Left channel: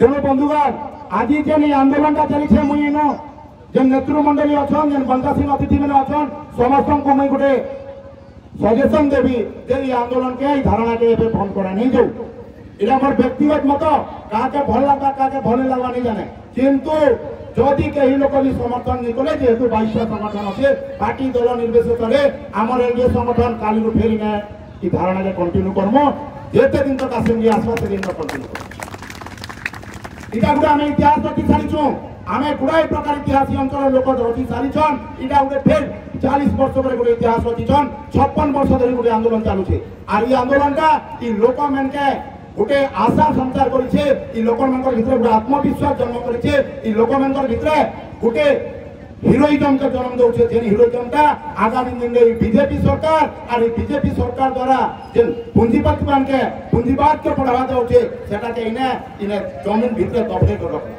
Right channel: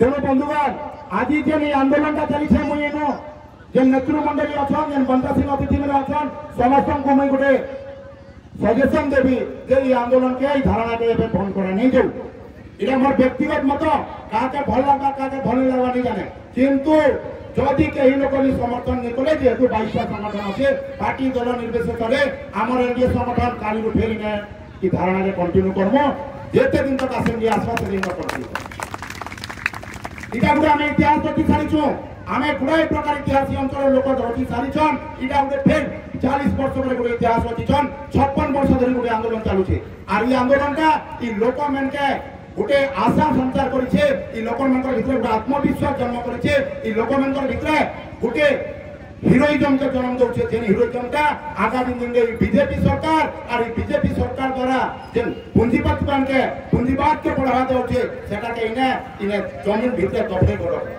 तेणु बंधुगण आज जेन आंदोलन चली मुझे जेन नेतृमंडली अच्छन जेन बंदा सिंह अतिथि मैंने अच्छन समस्त को मुझे गोटे सजेसन देवी जे ये आंदोलन के धारणा के बंद करा नहीं जाऊ इटा मोर व्यक्तिगत मत क्या भल लगा क्या भल लगा नहीं जाने किंतु जदि कई लोक भी समर्थन नहीं कले जेहेतु 22 संगठन अच्छे पार्टी दल निर्विशेष आम एनडीए संगठन काली फेरी ने कि धारणा के कंटिन्यू करम जिते दिन तक आसेम्बली आसवा से दिन तक कंटिन्यू कर इटा गुटे आम इतिहास रखी सारी आम गुड़ाए प्रकार इतिहास अंचल लोक रखी सारीछन इटा गोटे फिर 40 वर्ष गोटे इतिहास रखीछन 56 वर्ष धरी गोटे आंदोलन चलुचे और ये आंदोलन लोक मैन के गोटे आशा संचार करे लोक भीतर गोटे आत्मविश्वास जन्म करे लोक भीतर गोटे हिरोइजम के जन्म दौचे जेन हिरोइजम आगामी दिन में बीजेपी सरकार और बीजेपी सरकार द्वारा जेन पूंजीपति मान के पूंजीवाद के बढ़ावा दौचे सेटा के इने इने जमीन भीतर दबे कर रख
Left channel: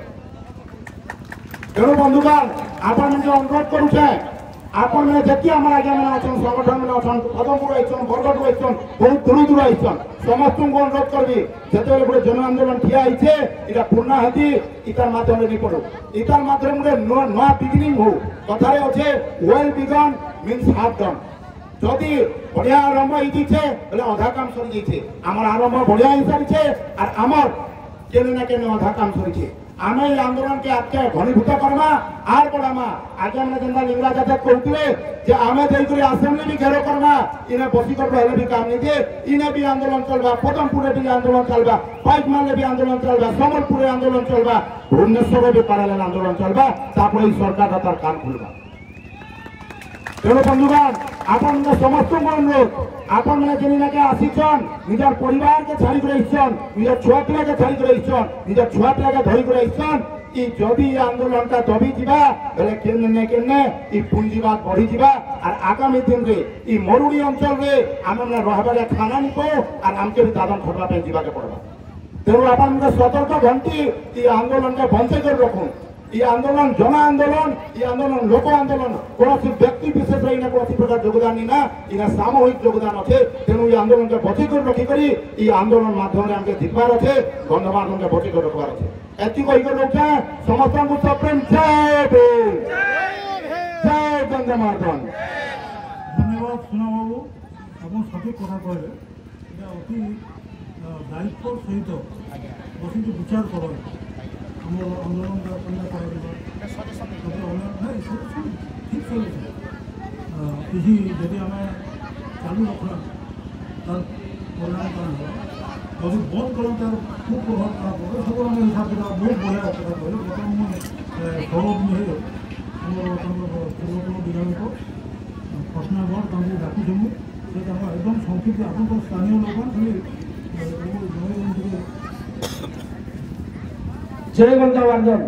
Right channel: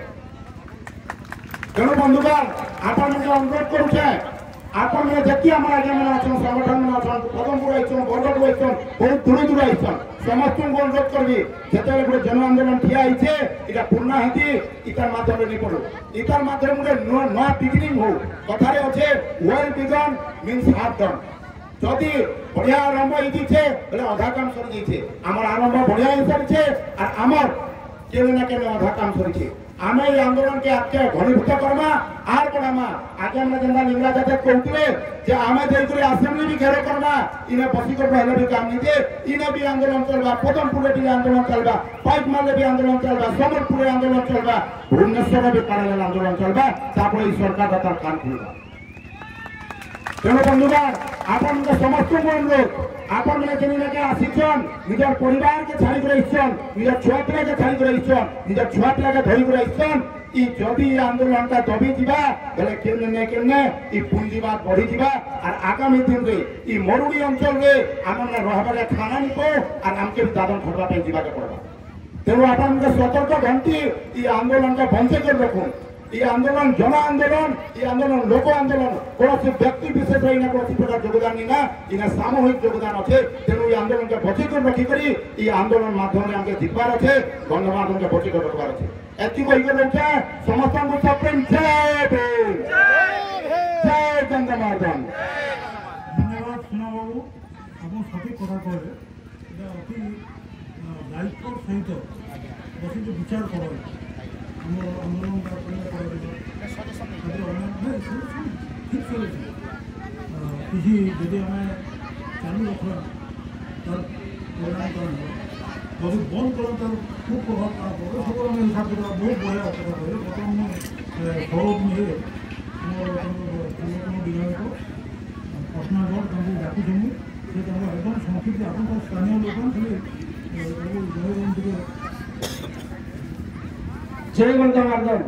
तेणु बंधुगण आपण मैंने अनुरोध करुचे आपण मैंने देखिए आम आज्ञा मैंने अच्छन संगठन मैंने अच्छन पदमपुर आईन बरगढ़ आईन बहुत दूर दूर आईन समस्त को अनुरोध करबी जिते गोटे जन आंदोलन ठिया होइछे इटा पूर्णाहुति इतार माध्यम नहीं पड़ो इतार माध्यम गोटे नुआ बिगिनिंग हो कथारे अच्छे well begin means half done जदि बढ़िया आरंभ होइछे बोले अधा काम सरी जाइछे आमर आरंभ बढ़िया हो सारी और आमर केने ना केने अधा काम सरी आम ये आंदोलन के आगे घनीभूत करमा आर बढ़ामा आगे हमने जेना लिंगराज आजाद कहते आम जाकर आसेम्बली भी घेर करमा इन्हें बसीकर हेल्ले भी काम नहीं दे इन्हें भी आंदोलन चलवा पदमपुर भी आंदोलन चलवा पाइक मारे भी आंदोलन चलवा सम्बलपुर आंदोलन चलवा भुवनेश्वर भी पैरेलल आंदोलन चलवा तापर सरकार तार कान खुलवा तेणु बंधुगण आपण समस्त को अनुरोध आपण मैंने जेन आसीचन निजर परिवार के छाड़ी कर निजर छुआ पिला के छाड़ी कर निजर छुआ पिला के धरी कर जदि आंदोलन का दबी जा बेले केने केने पूंजीवाद बढ़ी जा और आगामी दिन में मरुड़ी अंचल में आम रहा खाना निको और आमके भी दादन खटवा जाके पड़वा तेणु आप सतर्क घंटी आंदोलन का बंद कर रखूँ ये आंदोलन जन आंदोलन ये आंदोलन लोक आंदोलन कौन व्यक्ति विशेष कौन प्रकार योगदान ना इन सामूहिक योगदान अच्छे तेणु ये आंदोलन के बचे कर रखिकर ये आंदोलन माध्यम आगे जितबार अच्छे गणमाध्यम के बचे कर रखबार अच्छे एति कहीकर रोचे समस्त को सप्रेम जय भीम जय गंगामाधन धन्यवाद सुना बाबू आप सठिक कथा कहले अति दायित्व सहित बस विचार कर आंदोलन ठीक चलुचे यदि आम चालू रखा तार परिणाम कौन हो जब बंद कर तार खूब प्रभाव क्या पड़े सब आम हिसाब किताब बहुत बढ़िया कथा कहले बर्तमान मुझे सौरभ मुहे मोर पूर्वतन विधायक पर्सनाल वर्ड तुमको डाकुचुँ से एकदम संक्षिप्त आप स्थानीय लोक जय गंगावर्धन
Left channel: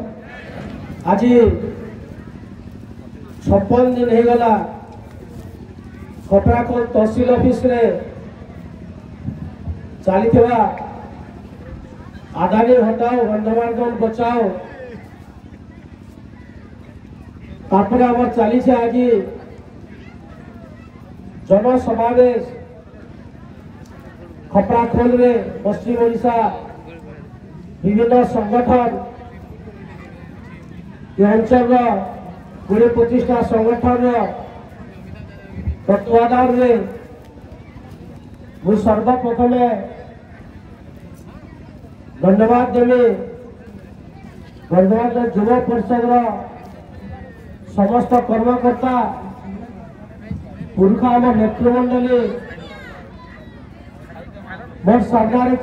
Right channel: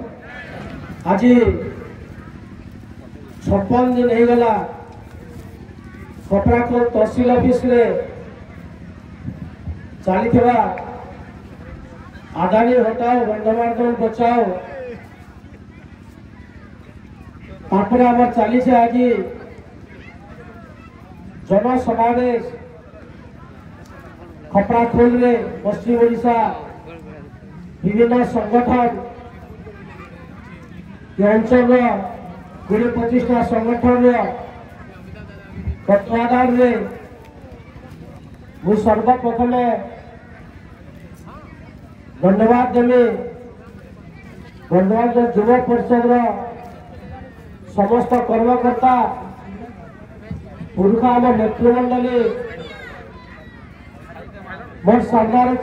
आज 56 दिन हो गला कटराखोल तहसील ऑफिस रे चली आदानी हटाओ गंगावर्धन बचाओ तापर आम चली आज जन समावेश कटराखोल रे पश्चिम ओडिशा विभिन्न संगठन अंचल 20-25टा संगठन तत्वाधान में मुझे सर्वप्रथम धन्यवाद देवी गंगावर्धन युव परिषद समस्त कर्मकर्ता पुरुष आम नेतृमंडली मोर सामने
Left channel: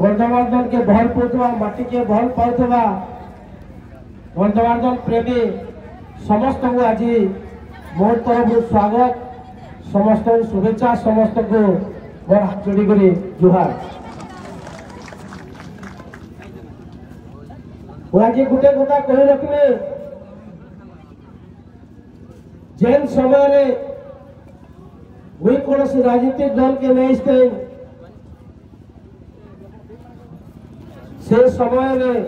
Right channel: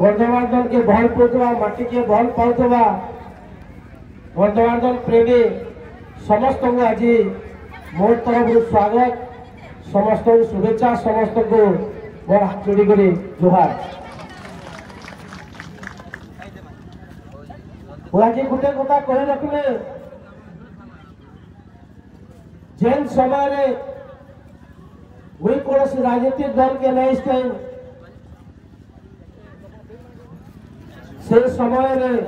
गंगावर्धन के भल पाऊा माटी के भल पाऊा गंगावर्धन प्रेमी समस्त को आज मोर तरफ स्वागत समस्त शुभेच्छा समस्त को मोर हाथ जोड़ी कर जुहार आज गोटे कथा कही रखिए जेन समय कौन राजनीतिक दल के नहीं से समय में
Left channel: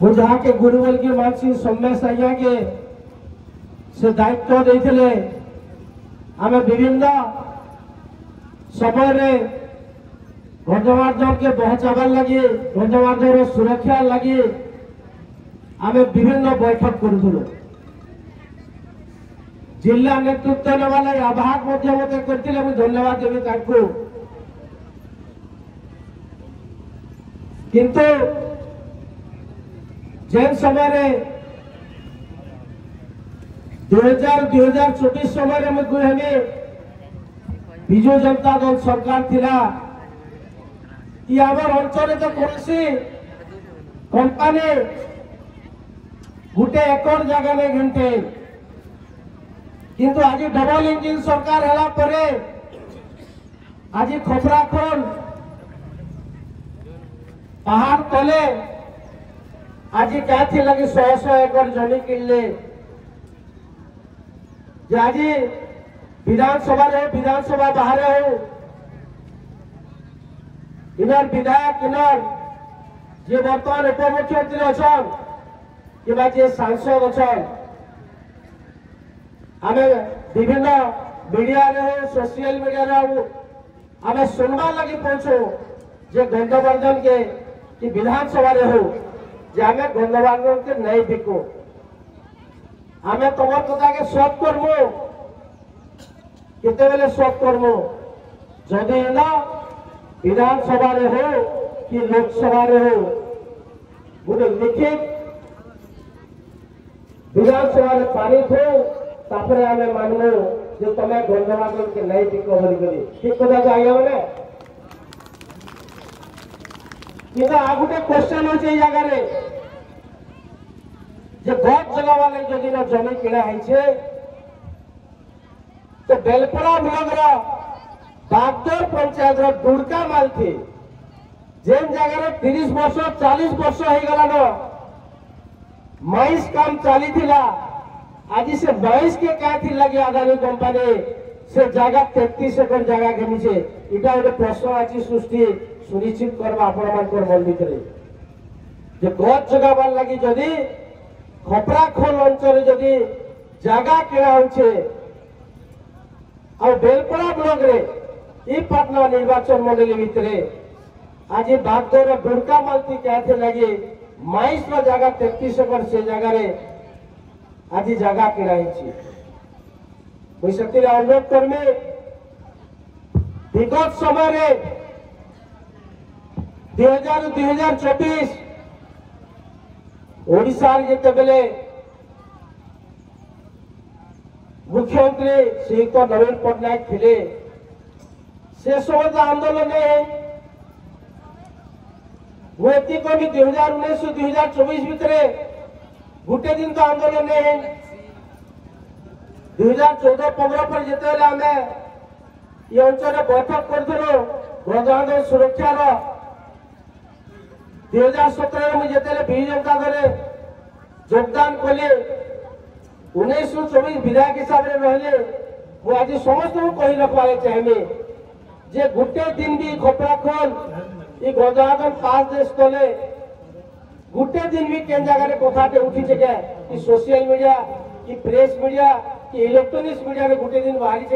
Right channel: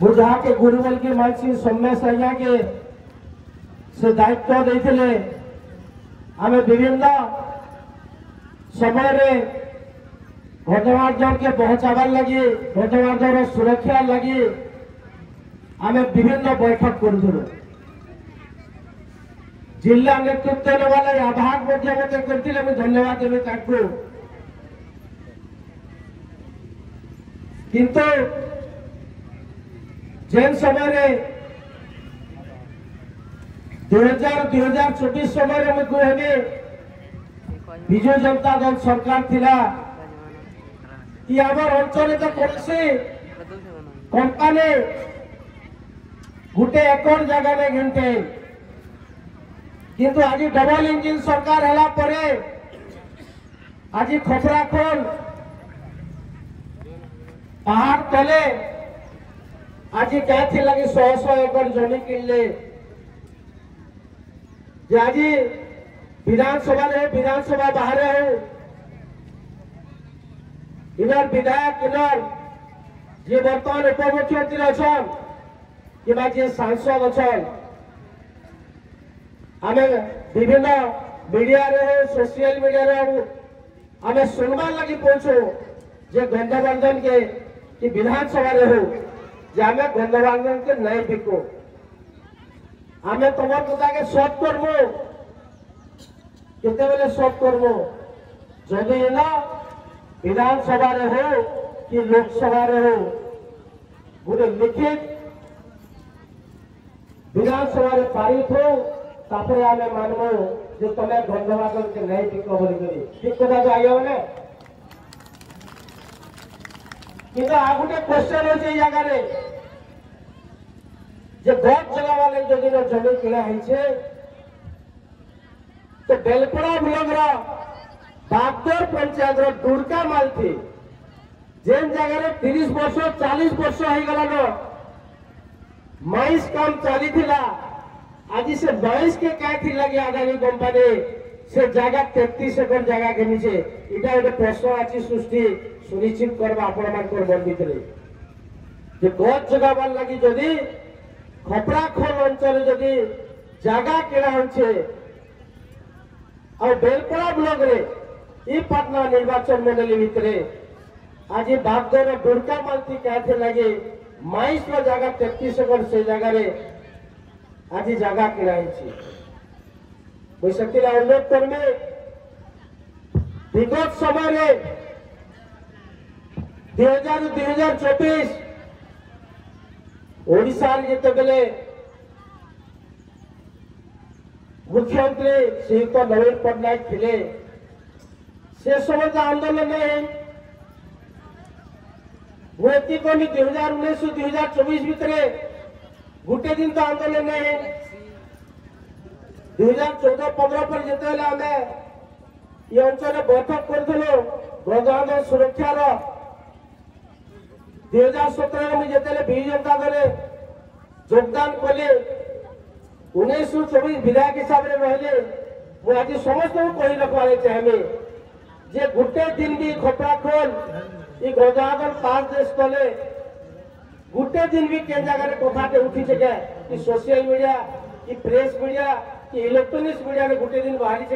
बुझा के गुरुवल की मानसी सोमेश अय्या के से दायित्व देते आम विभिन्न समय में गंधमार जल के पहुंचाबार लगे गंधमार जल सुरक्षा लगे आम विभिन्न बैठक करूँ जिला नेतृत्व नेवा आह्वान मत करते धन्यवाद देवी किंतु जेन समय 2024 समय में कहले विजु जनता दल सरकार थिला कि आमर अंचल तो कौन कंपानी गोटे एकड़ जगह नहीं घंटे किंतु आज डबल इंजिन सरकार है परे आज खपराखोल पहाड़ तले आज क्या लगी 100 एकड़ जमी किनले आज विधानसभा बाहर हो इनर विधायक इनर जे बर्तमान उपमुख्यमंत्री अच्छा कि सांसद अच्छा आम विभिन्न मीडिया रे हो सोशल मीडिया रे आम सुनवा लगी पहुंचो जे गंधवर्धन के कि विधानसभा रे हो जे आम गंधवर्धन के नहीं बिको आम तुम कथा के सॉल्व करमु केते बेले सॉल्व करमु जदि ना विधानसभा रे हो कि लोकसभा रे हो गोटे लिखित विधानसभा रे पारित हो तापर आम मानबू जे तुम गंधवर्धन के नहीं बिको बोली ठीक कथा आज्ञा मैंने कि आ गोटे क्वेश्चन हो जगह जे गज जगह वाले जदि जमी किणा है तो बेलपड़ा ब्लॉक बागदर पंचायत दुर्गा मालथी जेन जगह 30 वर्ष 40 वर्ष हो गला माइस काम चली आज से 22 के क्या लगे अदानी कंपानी से जगह 33 एकड़ जगह घिनी इटा गोटे प्रश्न आज सृष्टि सुनिश्चित करवा आपण मन भितर गज जगह लगी जदि खपराखोल अंचल जदि जगह किणा हो बेलपड़ा ब्लॉक रे ई पाटना निर्वाचन मंडली भितर आज बागदर दुर्गा मालती क्या लगे माइस जगह 33 एकड़ से जगह आज जगह किणा मुझे से अनुरोध करमी विगत समय 2024 ओडिशा जिते बेले मुख्यमंत्री श्रीयुक्त नवीन पट्टनायक थे से समय आंदोलन मुझे कहमी 2019 से 2024 भितर गोटे दिन तो आंदोलन है 2014-15 पर जिते आम ये अंचल बैठक करूँ गंधमार सुरक्षार 2017 में जिते विजु जनता दल योगदान कले 1924 विधायक हिसाब से रहे वो आज समस्त कही रखा चाहिए जे गोटे दिन भी खपराखोल ये गंधमार 5 देश तले गोटे दिन भी केन जगह कथाटे उठी कि सोशल मीडिया कि प्रेस मीडिया कि इलेक्ट्रोनिक्स मीडिया में गोटे दिन बाहरी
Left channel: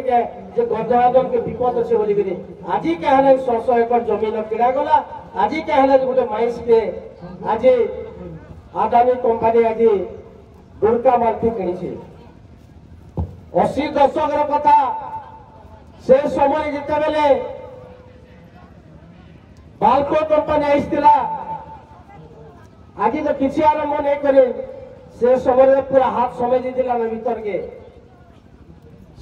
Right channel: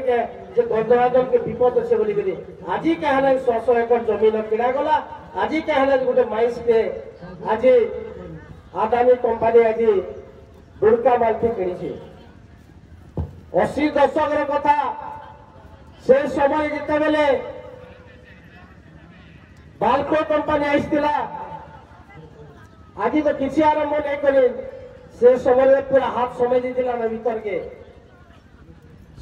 जे गंधमार के विपद अच्छे बोली आज क्या है 100 एकड़ जमीन किणा गला आज क्या है गोटे माइस के आज आदानी कंपानी आज दुर्गा मालती किणी 80 दशक कथा से समय जिते बेले बाल्को कंपानी आईला आज तो किसी आरंभ नहीं करे से समय पूरा हाथ समय देला भीतर के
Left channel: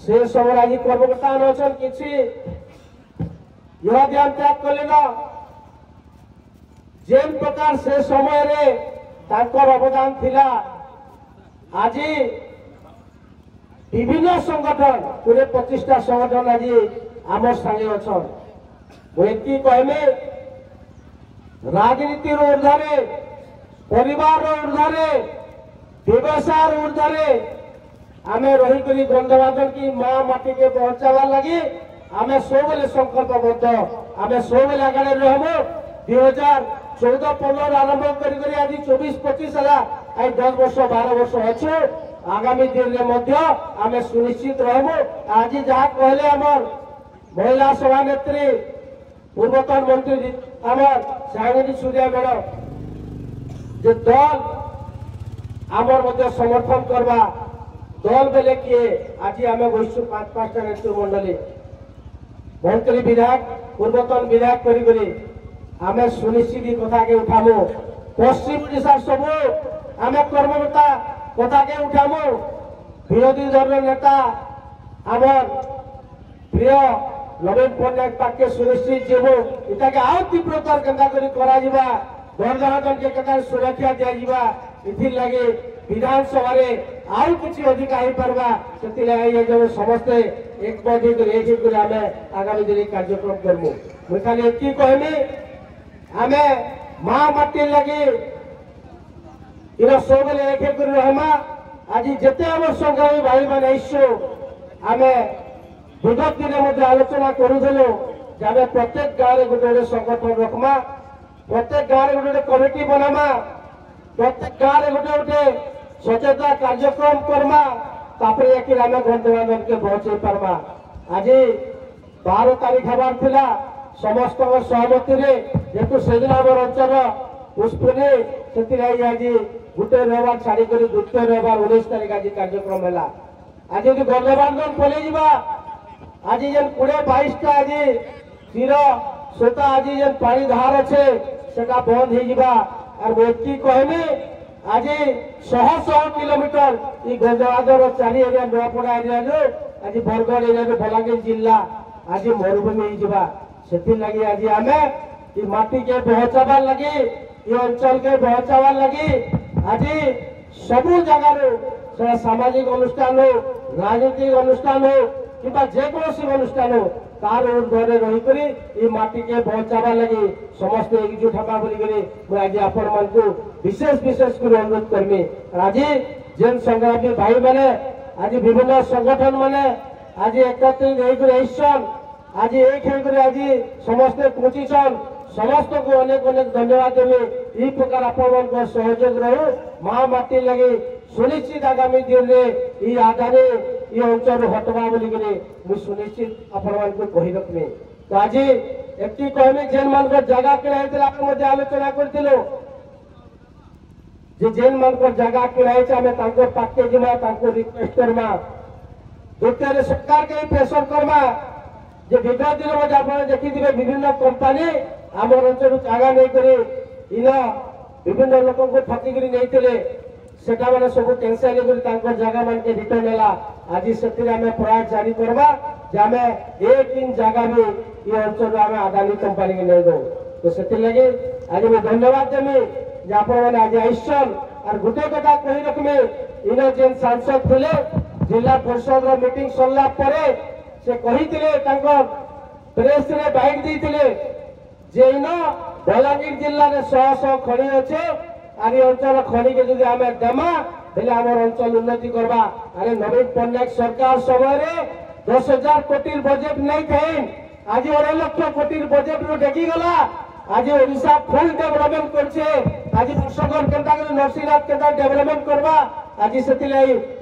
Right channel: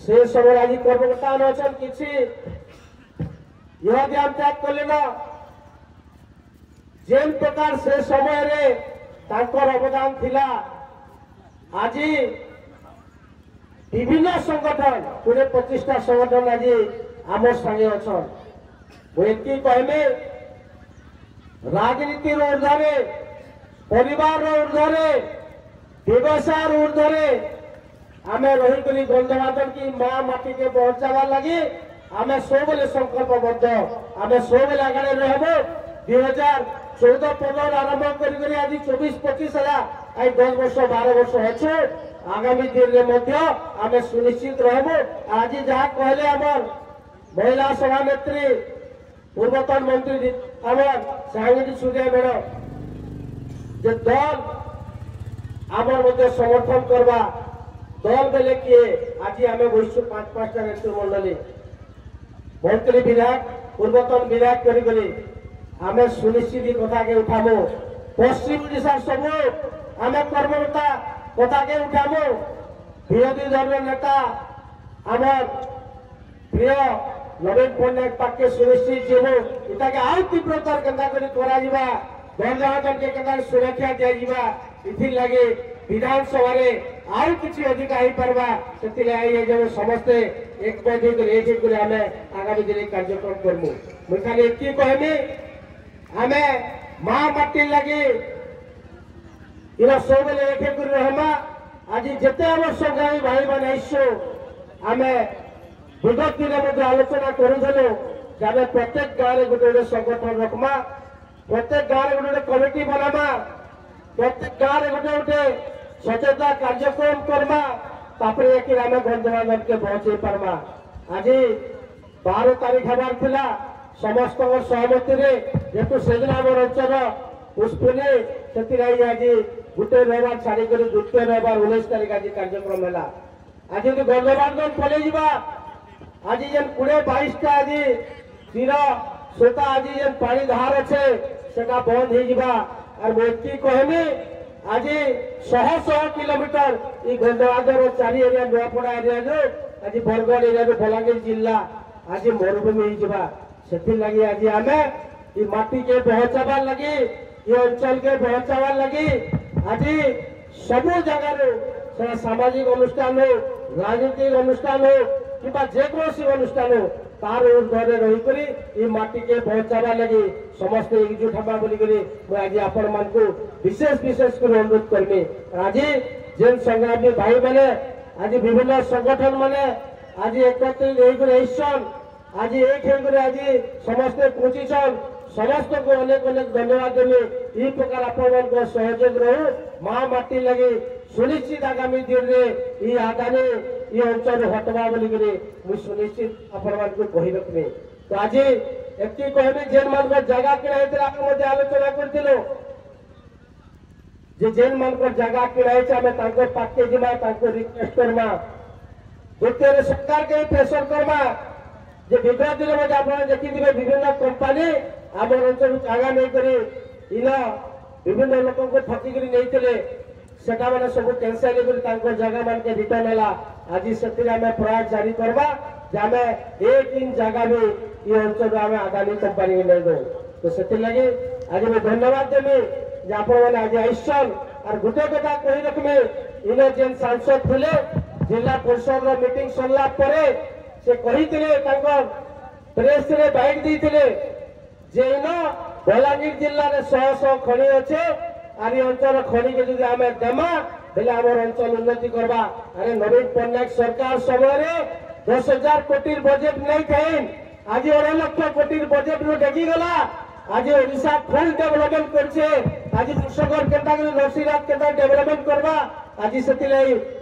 से समय आज कर्मकर्ता अच्छा किसी युवा ध्यान त्याग कले जेन प्रकार से समय रे तांकर अवदान थिला आज विभिन्न संगठन पूरे 25टा संगठन आज आम संगे अच्छा मुझे कहमे राजनीति ऊर्धे परिवार ऊर्धे व्यवसाय ऊर्धे आम रहीक गंधमार की माँ माटी के पहुंचावा लगी आम सब संकल्पबद्ध आम सब आगे रहबो 2014-15 आरंभ कर आज 24-25 है 10 वर्ष 12 वर्ष अच्छे आगामी दिन में आम सुनिश्चित रहबो आज जहाँ कहले आमर महिला सभानेत्री पूर्वतन मंत्री आमर सायनी सूर्या मैडम जे दल आमर मध्य समर्थन करवा दल बेले किए आज आम बसु 5-5टा नेतृ मंडली मंत्री विधायक पूर्वतन विधायक करी आम सुनिश्चित कथा के उठामु पश्चिम ओडिशा सब आम कर्मकर्ता कथा के उठामु विरोधी दल नेता आमर प्रिय नवीन पट्टनायक पाखे सुनिश्चित जीवु इटा के आउ तीव्रतार केंदा करी करा जिबा गणतंत्र के केंदा सुरक्षा दिया जिबा इथि लगे विधानसभा रे आउ किछि अधिक आइ परबा सेति लगे जे समस्त एक बजे एक करे हमें आगामी दिन कार्यक्रम करमु मैं खाली एक कहमी हमें मां माटी लगे इरा सब बेले एक करे हमा आज जेते हम संग्रामी भाई माने इच्छो हमें विगत दिन मध्य आलोचना करूलु जब प्रत्येक गाँव में गोटे गोटे संगठन रखमा प्रत्येक गाँव में गोटे कमिटी बनामा प्रत्येक गाँव में गोटे गोटे सचेतना कार्यक्रम करमा तापर जाकर आम बंधुबांधव के पहुंचे पार्मा आज 12 तारीख हबार थिला समस्त सहमति जेतु सेदिन आम अंचल पुष्पिनी से आज गोटे रविवार छाड़ी द्वितीय रविवार 19 तारीख आज कार्यक्रम है आज बंधुबांधव पलि जा आज जेन 20-22टा आज तीर सोता आज जेन पानी धार अच्छे सेटा बंद हो और मुझे कहमी आज 100 किलोमीटर ये गंधवादर 4 एरिया नुआपड़ा एरिया आज बरगढ़ एरिया बलांगीर जिला आज मरुभूमि से लगी आज आम ये माटी के पहुंचाबार लगी ये अंचल के पहुंचाबार लगी आज सबू जगार सामाजिक अनुष्ठान हो राजनीतिक अनुष्ठान हो कि जेकोसी अनुष्ठान हो तार ऊर्धे रही माटी के पहुंचावा लगी समस्त एकजुट हवा बोलिकी मुझे आज आपण मान विशेष विशेष कर अनुरोध करमी आज जेन संग्रामी भाई मैंने आज विभिन्न संगठन मैंने आज एकत्रित होसन आज एक आज समस्ते पहुंचीन समस्त को अनेक अनेक धन्यवाद देवी यही प्रकार आपण सहयोग रहू मां माटी लगी सुनिश्चित आगामी दिन में ये आगामी ये अंचल हटवा बोलिकी मुझे सुनिश्चित आपण कही रखमी तो आज एक कहमी जेन मान जगह किणा आलोचना करूँ जेन मान जगह किणा आम पाखे जीमा रिक्वेस्ट करमा द्वितीय सरकार के प्रेसर करमा जे विगत दिन में आप देखिए विभिन्न कंपानी आम अंचल जगह नहीं इला विभिन्न लोक ठकिक नहीं सेटा मैंने सब कैंसल जगह मान के रिटर्न है आज से प्रयास जारी करवा आम एक दिन जगह भी ये अंचल आम आदानी कंपानी के नहीं दो तो से लगे आज मैं धन्यवाद देमी आप आज आईसन और गोटे कथा कही रखमी इन जेन सांसद थे जिला परिषद मीटिंग सरला से कही प्रेस रे बाइट देते जे इन बलांगीर जिले में 100 खड़ी अच्छे और ये अंचल खड़ी के जो आम देमा बेले आम अंचल उन्नति करवा अरे नवीन पट्टनायक सरकार समय 10,000 कोटी बजेट नहीं थे आज 2 लाख कोटी बजेट में डेगी गला आज ओडिशा फुल डेवलपमेंट करछे आज वर्षकर केनता के नरसिंहनाथ केनता डेवलपमेंट करवा आज से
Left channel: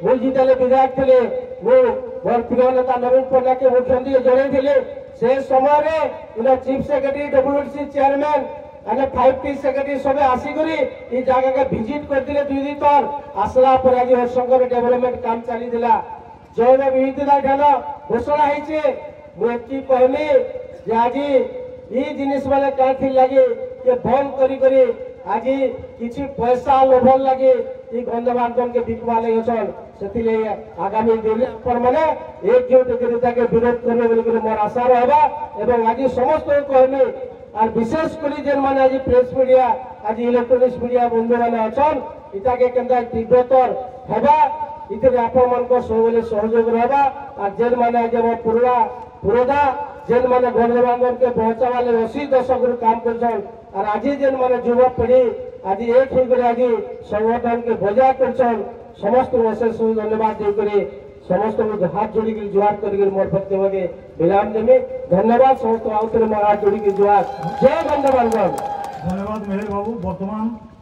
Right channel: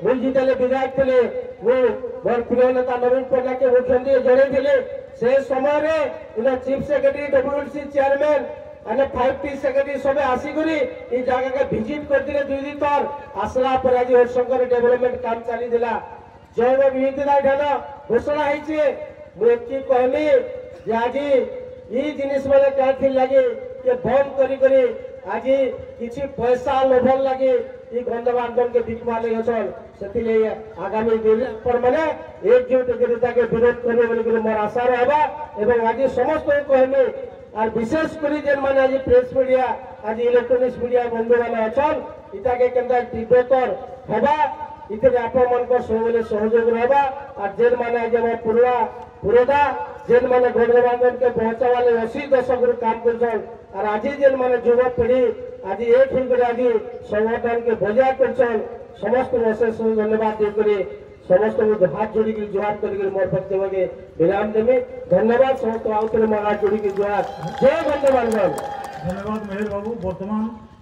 भूल जिताले विधायक थे वो प्रिय नेता नवीन पट्टनायक के मुख्यमंत्री जन से समय चीफ सेक्रेटरी डब्ल्यूसी चेयरमैन अने 5T सेक्रेटरी सब आसिकरी ये जगह के विजिट करते 2 दिन तक आसला पर आज हरिशंकर डेवलपमेंट काम चली जैव विविधता घोषणा होती मुझे कहमी आज ये जिनिस मैंने क्या लगे बंद करी आज किसी पैसा लोभन लगे ये गंधबांधव के बिकवा लगे से आगामी दिन मैंने एकजुट के विरोध करेंगे मोर आशा रहा आज समस्त कहमी और विशेषकर जेन मैंने आज प्रेस मीडिया आज इलेक्ट्रोनिक्स मीडिया बंधु मैंने अच्छन इटा के केंदा तीव्रतर हेबा इतने आपण मान सब सहयोग रहा और जेन मैंने आज पुरोधा जेन मैंने गंधबांधव के पहुंचावाले 80 दशक काम कर और आज जेन मैंने युवा पीढ़ी आज एक होकर आज संगठन के बजा कर समस्त विशेष धन्यवाद देकर समस्त हाथ जोड़ी जुहार कर मोर वक्तव्य के विराम देवी धन्यवाद समस्त आउे मोर हाथ जोड़ी जुहार जय गंधबांधव धन्यवाद मेहर बाबू बर्तमान